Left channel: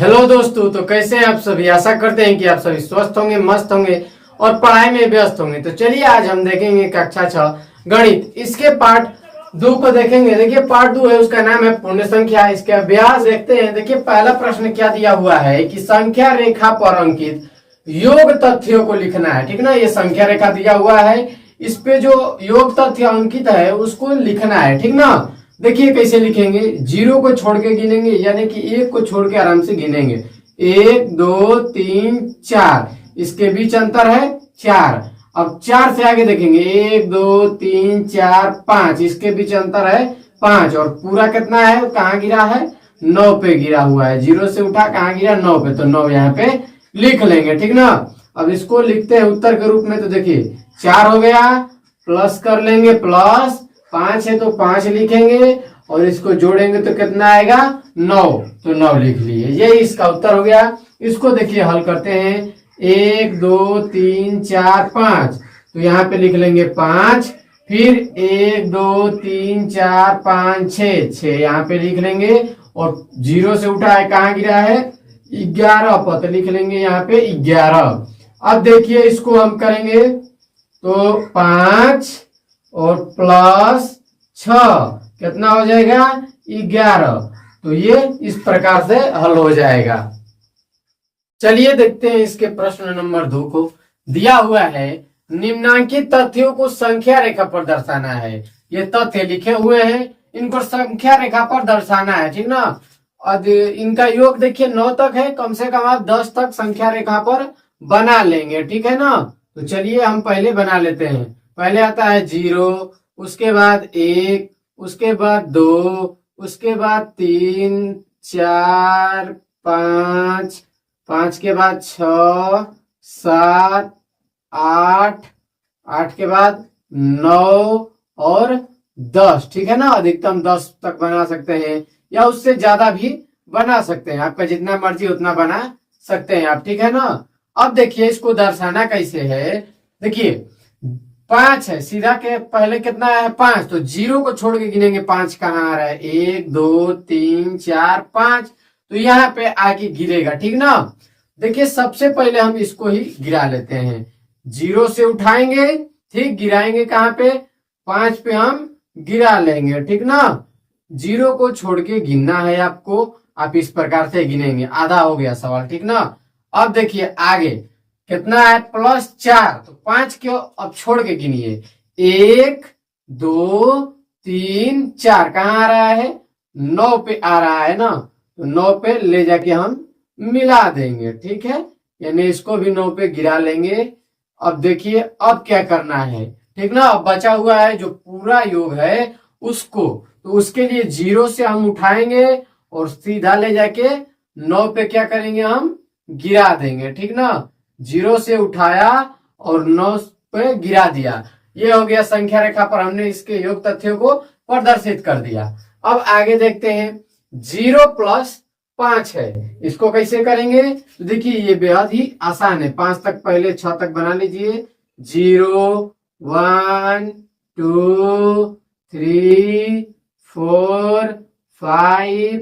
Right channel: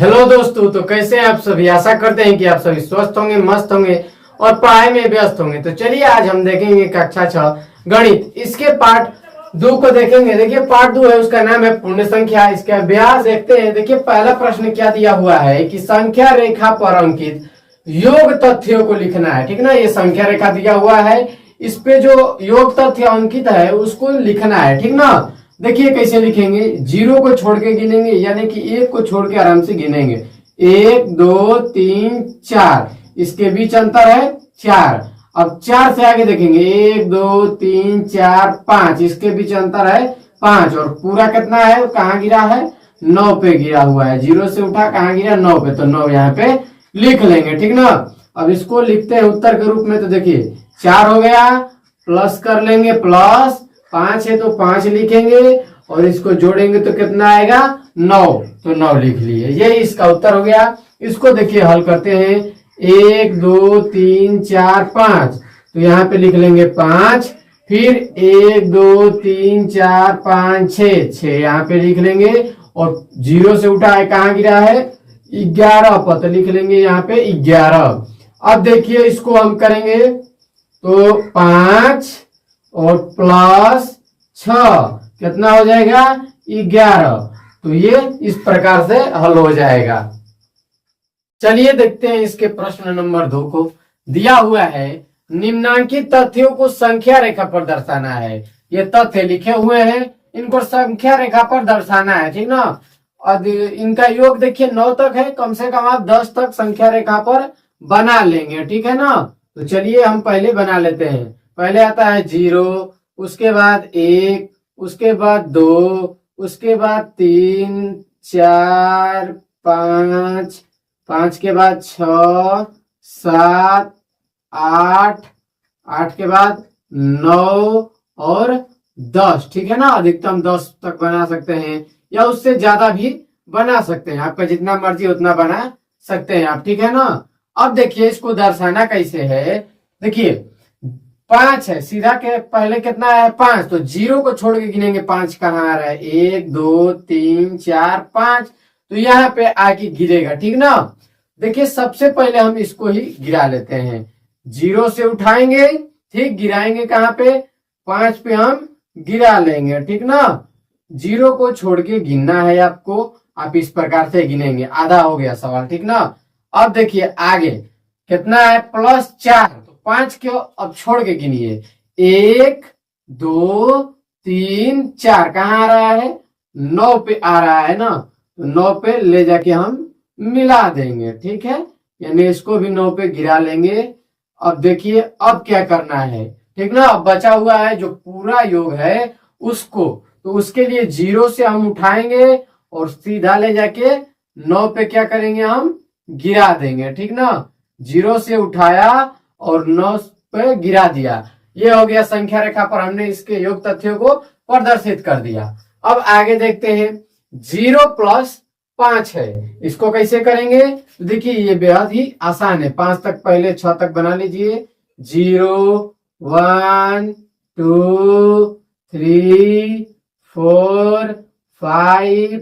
Hello दोस्तों, तो कैसे हैं आप सभी। आशा करते हैं कि आप सभी स्वस्थ होंगे, मस्त होंगे और पढ़ाई में व्यस्त होंगे। तो चलिए आज हम देखेंगे कक्षा 6 गणित, इसके पार्ट 2 को देखेंगे। देखिए पार्ट 2 है, उसका नाम है पूर्ण संख्या। इसके अभ्यास देखते हैं। देखिए पहला प्रश्न क्या दिया हुआ है कि संख्या रेखा पर अंकित योग तथ्यों को लिखना है। ठीक ना, ये संख्या रेखा दिया हुआ है, इस पे जो योग तथ्य अंकित है उसको लिखना है। ठीक ना, देखिए कैसे लिखेंगे। 0 को छोड़ के गिनेंगे, यानी कि 1 को छोड़ के आराम से गिनेंगे। 1 2 3 4, इसके बीच अंतर है 4। अब 4 से आगे देखेंगे, 1 2 3 4 5, इसके बीच अंतर है 5। और पूरा कितना है, कहाँ गिरा है, 9 पे गिरा हुआ है। 0 से उठा कहाँ गिरा, 9 पे, तो 9 यहाँ पे लिख लेंगे। ठीक ना, अब इसको लिखते हैं उत्तर के रूप में। तो देखिए 4 हो गया, प्लस कर लेंगे, प्लस 5 है तो 5 लिखेंगे, और इसको जोड़ेंगे तो कितना आएगा, 9, तो 9 लिख लिए। यही इसका उत्तर हो गया। इसको देखिए हल करते हैं। 1 2 3 4 5, तो यहाँ पे लिख लेंगे 5। फिर 1 2 3 4 5 6 यहाँ पे लिख लेंगे, और 0 से उठा है कहाँ गिरा है, 11 पर, तो लिख लेंगे यहाँ पे 11। अब देखिए इसको हम करेंगे तो 5 और प्लस 6 कितना हो जाएगा, 11। तो ये इस प्रकार से हल हो जाएगा। चलिए देखते हैं इसके प्रश्न नंबर 2 को। दिया हुआ है निम्नांकित तथ्यों को संख्या रेखा पर दर्शाना है। ये तथ्य लिखे हुए हैं, इनको संख्या रेखा पर दर्शाना है। ठीक ना, और इनका योग देखिए 9 तक है, कम से कम आप 10 तक संख्या रेखा पर बना लेंगे। ठीक है ना, तो चलिए हम पहले बना लेते हैं। पहले आता है 0, उसके बाद 1, उसके बाद 2, उसके बाद 3 4 5, 5 के बाद 6 7 8, 8 के बाद 9 और 10। ठीक है ना, अधिकतम 10 तक बना सकते हैं, या उससे ज्यादा भी बना सकते हैं। आपका जितना मर्जी उतना बना सकते हैं आप। ठीक है ना, अब देखिए इसको दर्शाना कैसे है। देखिए 5 है, सीधा के पहले कितना है, 5, तो 0 को छोड़ के गिनेंगे। 5 कहाँ आ रहा है, 1 2 3 4 5, तो यहाँ पे आके गिरेगा। ठीक ना, देखिए सबसे पहले हम इसको ही गिरा लेते हैं। 0 से उठाएंगे, ठीक, गिराएंगे कहाँ पे, 5 पे हम गिरा लेंगे। ठीक ना, 0 को छोड़ के गिनना है आपको, आप इस प्रकार से गिनेंगे। आधा हो गया सवाल। ठीक ना, अब देखिए आगे कितना है, +4, तो 5 के अब छोड़ के गिनिए। 1 2 3 4 कहाँ आ रहा है, 9 पे आ रहा है ना, तो 9 पे ले जाके हम मिला देंगे। ठीक है, यानी इसको भी 9 पे गिरा लेंगे। अब देखिए अब क्या करना है। ठीक ना, अब बचा हुआ है जो पूरा योग है उसको, तो उसके लिए 0 से हम उठाएंगे और सीधा ले जाके 9 पे क्या करेंगे, हम गिरा देंगे। ठीक ना, 0 से उठाया और 9 पे गिरा दिया। ये हो गया संख्या रेखा पर हमने इसके योग तथ्यों को प्रदर्शित कर दिया। अब आगे देखते हैं। 0 + 5 है, इसको कैसे करेंगे, तो देखिए ये बेहद ही आसान है। 5 तक पहले 6 तक बना लीजिए। 0 1 2 3 4 5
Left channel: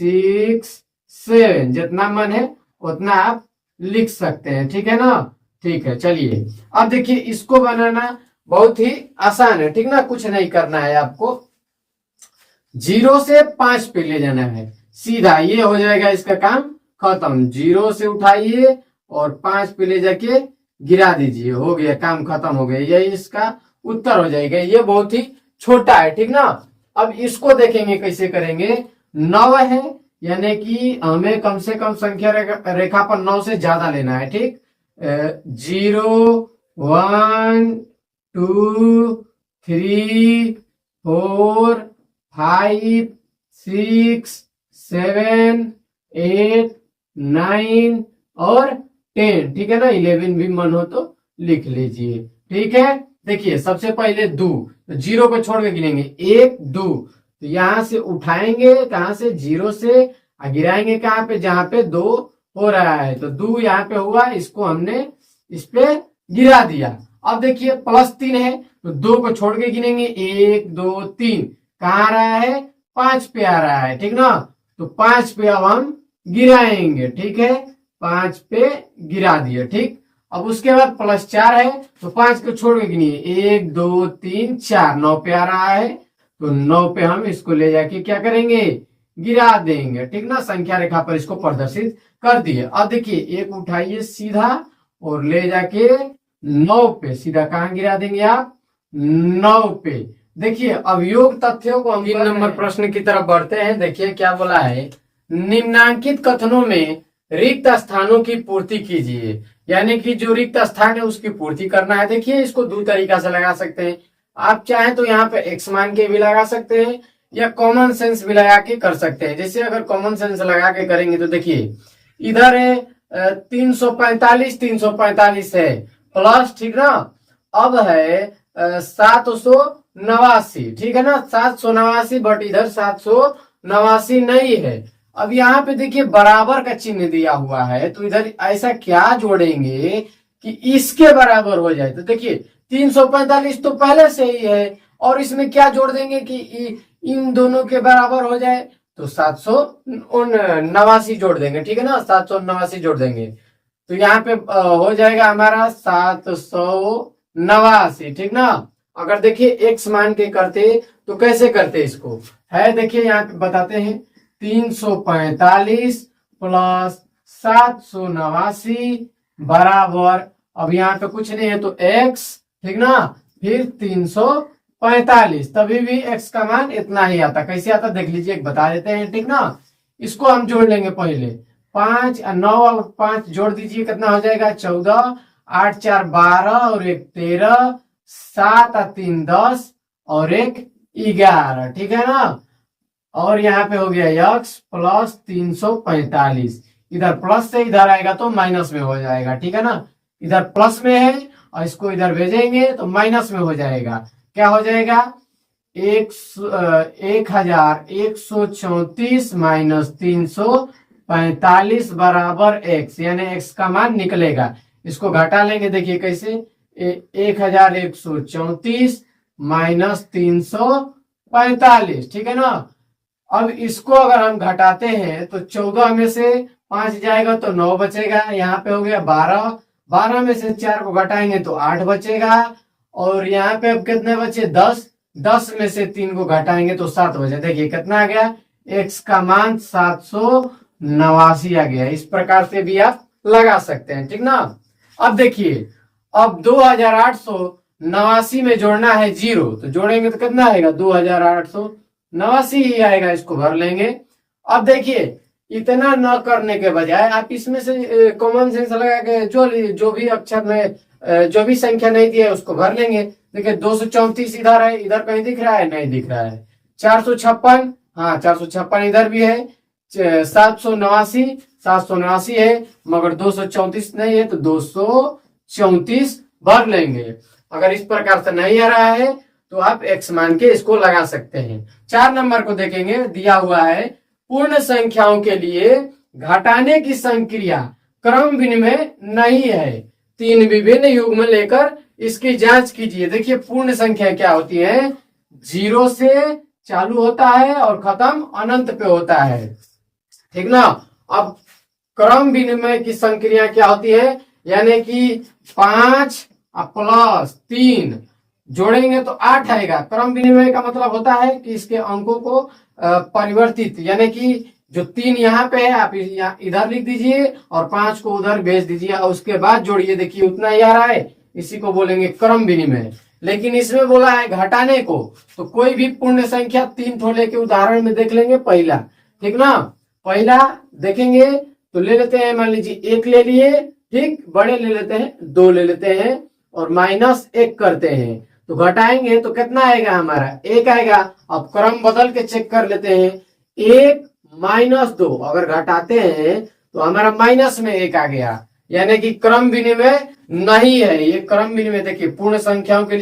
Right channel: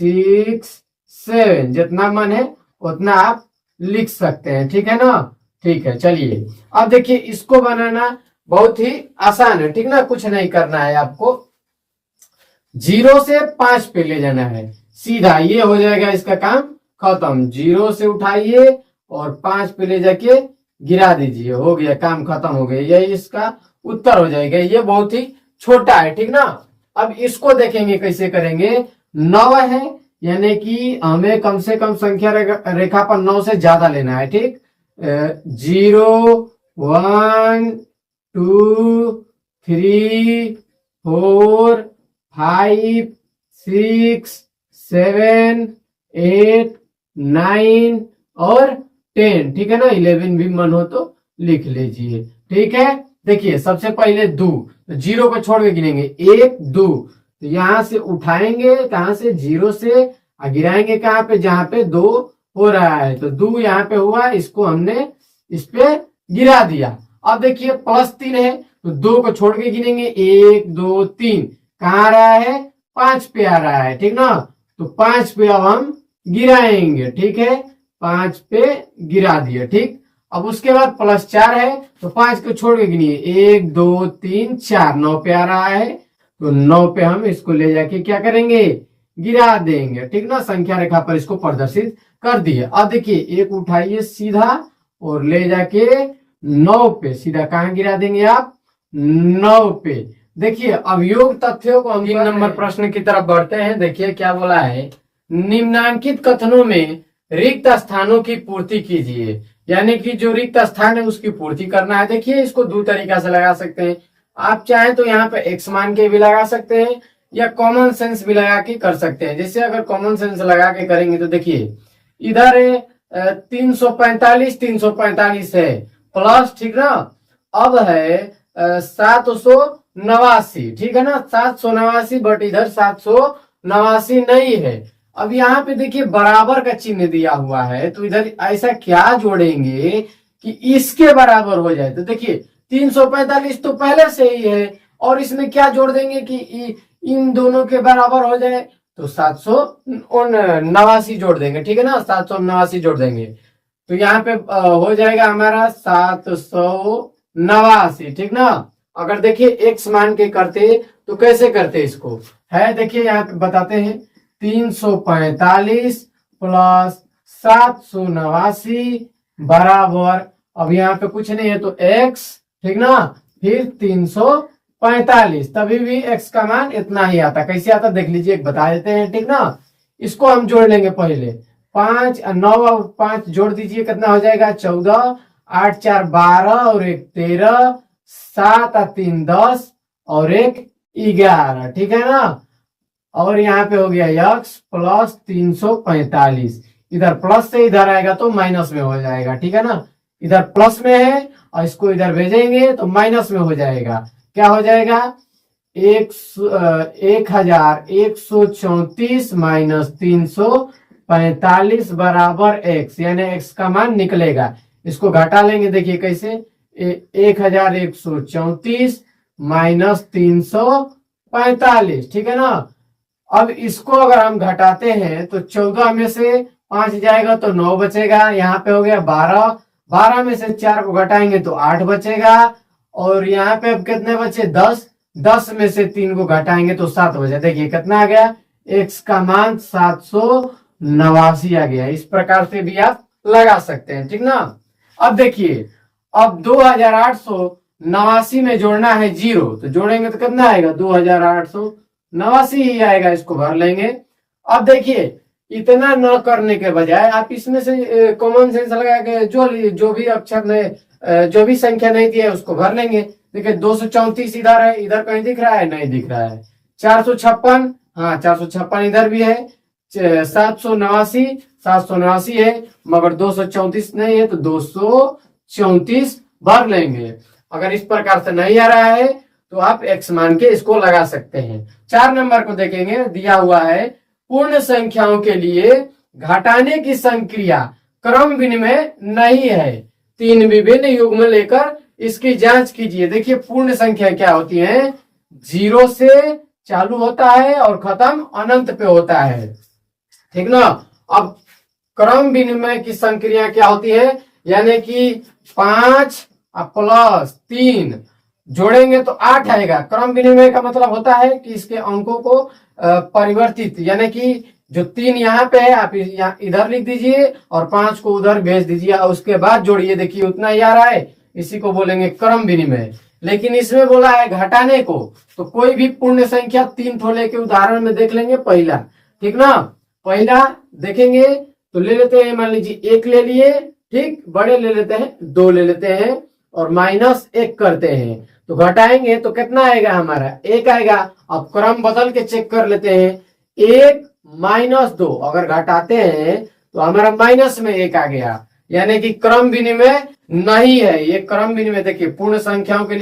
6 7, जितना मन है उतना आप लिख सकते हैं। ठीक है ना, ठीक है। चलिए अब देखिए इसको बनाना बहुत ही आसान है। ठीक ना, कुछ नहीं करना है आपको, 0 से 5 पे ले जाना है सीधा, ये हो जाएगा इसका काम खत्म। 0 से उठाइए और 5 पे ले जाके गिरा दीजिए, हो गया, काम खत्म हो गया। यही इसका उत्तर हो जाएगा। ये बहुत ही छोटा है। ठीक ना, अब इसको देखेंगे कैसे करेंगे। 9 है, यानी कि हमें कम से कम संख्या रेखा पर 9 से ज्यादा लेना है। ठीक, 0 1 2 3 4 5 6 7 8 9 और 10। ठीक है ना, 11 भी मन हो तो लिख लीजिए। ठीक है, देखिए सबसे पहले 2, 0 को छोड़ के गिनेंगे। 1 2, तो यहां से उठाएंगे कहां से, 0 से, गिराएंगे कहां पे, जहां पे 2 हो रहा है, तो 2 यहाँ पे हुआ, इसको हमने इस पे गिरा दिया। अब देखिए +3 है, तो 2 को छोड़ के गिनेंगे। 1 2 3, कहाँ आ रहा है, 5 पे आ रहा है। ठीक ना, तो 5 पे अब हम गिराएंगे, ठीक है, 5 पे गिरा दिए, ठीक। अब उसके बाद +4 है तो 5 को छोड़ के गिनिए, 1 2 3 4, 9 पे आ रहा है तो 9 पे हम इसको ले जाके क्या करेंगे, गिरा देंगे, ठीक ना। संख्या रेखा पर इसको प्रदर्शित कर दिए। अब देखिए एक उठाइए सीधा और ले जाके 9 पे सीधा कहां गिरा देंगे आप, 9 पे। देखिए अब योग तथ्यों को हम 3 नंबर प्रश्न की तरफ बढ़ते हैं। देखिए क्या बोला है, निम्नांकित कथनों में रिक्त स्थानों की पूर्ति कीजिए, यानी कि जो रिक्त स्थान है उसकी पूर्ति करना है। देखिए इसको दो तरीका से लगा सकते हैं, आप चाहें तो यहाँ पे एक्स मान के भी लगा सकते हैं या कॉमन सेंस भी लगा के कर सकते हैं। जैसे अगर कॉमन सेंस लगा के करेंगे तो देखिए इधर है 345 है प्लस, ठीक ना। अब है 789, ठीक है ना, 789 बट इधर 789 नहीं है। अब यहाँ पे देखिए बराबर का चिन्ह दिया हुआ है तो इधर ऐसा क्या जोड़ेंगे कि इसके बराबर हो जाए। तो देखिए 345 तो पहले से ही है और इसमें क्या जोड़ देंगे कि इन दोनों के बराबर हो जाए तो 789 जोड़ देंगे, ठीक है ना, 789 जोड़ देंगे तो यहाँ पे हो जाएगा हमारा 789, ठीक ना। अगर देखिए एक्स मान के करते तो कैसे करते इसको है, देखिए यहाँ पे बताते हैं 345 प्लस 789 बराबर, अब यहाँ पे कुछ नहीं है तो x, ठीक ना, फिर 345, तभी भी x का मान इतना ही आता। कैसे आता देख लीजिए, एक बता देते हैं, ठीक ना। इसको हम जोड़ लेंगे पहले 5 9 और 5 जोड़ दीजिए, कितना हो जाएगा 14, 8 4 12 और 1 13, 7 और 3 10 और 1 11, ठीक है ना। और यहाँ पे हो गया x प्लस 345, इधर प्लस से इधर आएगा तो माइनस में हो जाएगा, ठीक है ना। इधर प्लस में है और इसको इधर भेजेंगे तो माइनस में हो जाएगा। क्या हो जाएगा 1134 माइनस 345 बराबर x, यानी x का मान निकलेगा। इसको घटा लेंगे, देखिए कैसे 1134 माइनस 345, ठीक है ना। अब इसको अगर हम घटाते हैं तो 14 में से 5 जाएगा तो 9 बचेगा, यहाँ पे हो गया 12, 12 में से 4 को घटाएंगे तो 8 बचेगा और यहाँ पे अब कितने बचे 10, 10 में से 3 को घटाएंगे तो 7 बचे। देखिए कितना आ गया, x का मान 789 आ गया। इस प्रकार से भी आप लगा सकते हैं, ठीक ना। अब देखिए अब 2889 में जोड़ना है 0 तो जोड़ेंगे तो कितना आएगा 2889 ही आएगा, इसको भर लेंगे। अब देखिए इतना न करने के बजाय आप इसमें से कॉमन सेंस लगा के जो भी अक्षर में जो भी संख्या नहीं दी है उसको भर लेंगे। देखिए 234 इधर है, इधर कहीं दिख रहा है, नहीं दिख रहा है। 456, हाँ 456 इधर भी है। 789 है मगर 234 नहीं है तो 234 भर लेंगे। अगर इस प्रकार से नहीं आ रहा है तो आप x मान के इसको लगा सकते हैं। 4 नंबर को देखेंगे, दिया हुआ है पूर्ण संख्याओं के लिए घटाने की संक्रिया क्रम विनिमय नहीं है, 3 विभिन्न युग्म लेकर इसकी जांच कीजिए। देखिए पूर्ण संख्या क्या होती है, 0 से चालू होता है और खत्म अनंत पे होता है, ठीक ना। अब क्रम विनिमय की संक्रिया क्या होती है, यानी कि 5 प्लस 3 जोड़ेंगे तो 8 आएगा। क्रम विनिमय का मतलब होता है कि इसके अंकों को परिवर्तित, यानी कि जो 3 यहाँ पे है आप इधर लिख दीजिए और 5 को उधर भेज दीजिए और उसके बाद जोड़िए, देखिए उतना ही आ रहा है, इसी को बोलेंगे क्रम विनिमय। लेकिन इसमें बोला है घटाने को, तो कोई भी पूर्ण संख्या 3 ठोले के उदाहरण में देख लेंगे। पहला, ठीक ना, पहला देखेंगे तो ले लेते हैं, मान लीजिए 1 ले लिए, ठीक, बड़े ले लेते हैं 2 ले लेते हैं और -1 करते हैं तो घटाएंगे तो कितना आएगा हमारा 1 आएगा। अब क्रम बदल के चेक कर लेते हैं, 1 - 2 अगर घटाते हैं तो हमारा माइनस में 1 आ गया, यानी कि क्रम विनिमय नहीं है। ये क्रम विनिमय देखिए पूर्ण संख्याओं के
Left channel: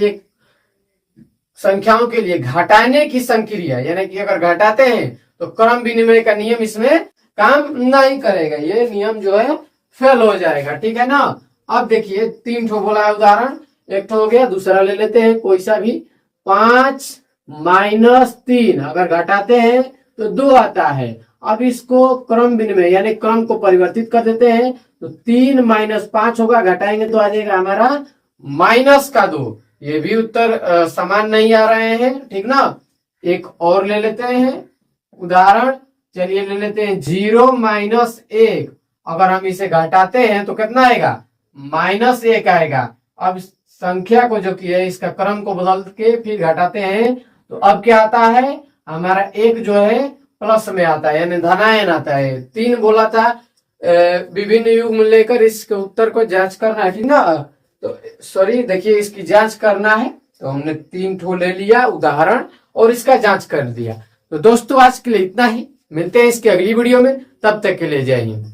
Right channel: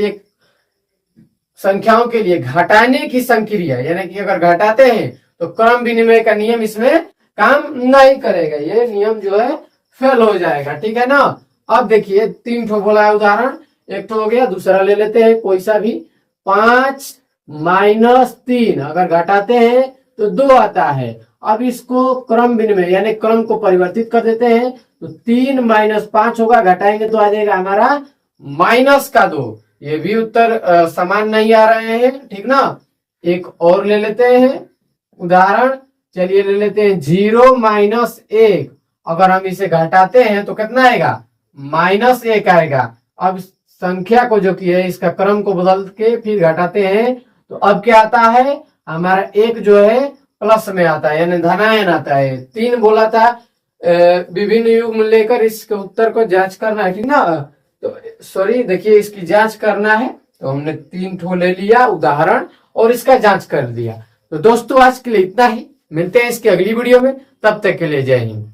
लिए घटाने की संक्रिया, यानी कि अगर घटाते हैं तो क्रम विनिमय का नियम इसमें काम नहीं करेगा, ये नियम जो है फेल हो जाएगा, ठीक है ना। अब देखिए 3 ठो बोला है उदाहरण, एक ठो हो गया, दूसरा ले लेते हैं कोई सा भी। 5 - 3 अगर घटाते हैं तो 2 आता है अब इसको क्रम विनिमय यानी क्रम को परिवर्तित कर देते हैं, तो 3 माइनस 5 होगा, घटाएंगे तो आ जाएगा हमारा -2। ये भी उत्तर समान नहीं आ रहे हैं, ठीक ना। एक और ले लेते हैं उदाहरण, चलिए ले लेते हैं 0 माइनस 1। अगर हम इसे घटाते हैं तो कितना आएगा, -1 आएगा। अब संख्या को जो की है इसका क्रम को बदल के फिर घटाते हैं तो अब क्या आता है, हमारा 1 जो है प्लस में आता है यानी धनायन आता है। 3 बोला था, विभिन्न युग्म लेकर इसके उत्तर को जांच करना है, ठीक ना। तो सॉरी देखिए इसकी जांच करना है, तो हमने 3 ठो ले लिया उदाहरण और इसका जांच कर दिया। तो दोस्तों आज के लिए इतना ही, मिलते हैं इसकी अगली वीडियो में, तब तक के लिए जय हिंद।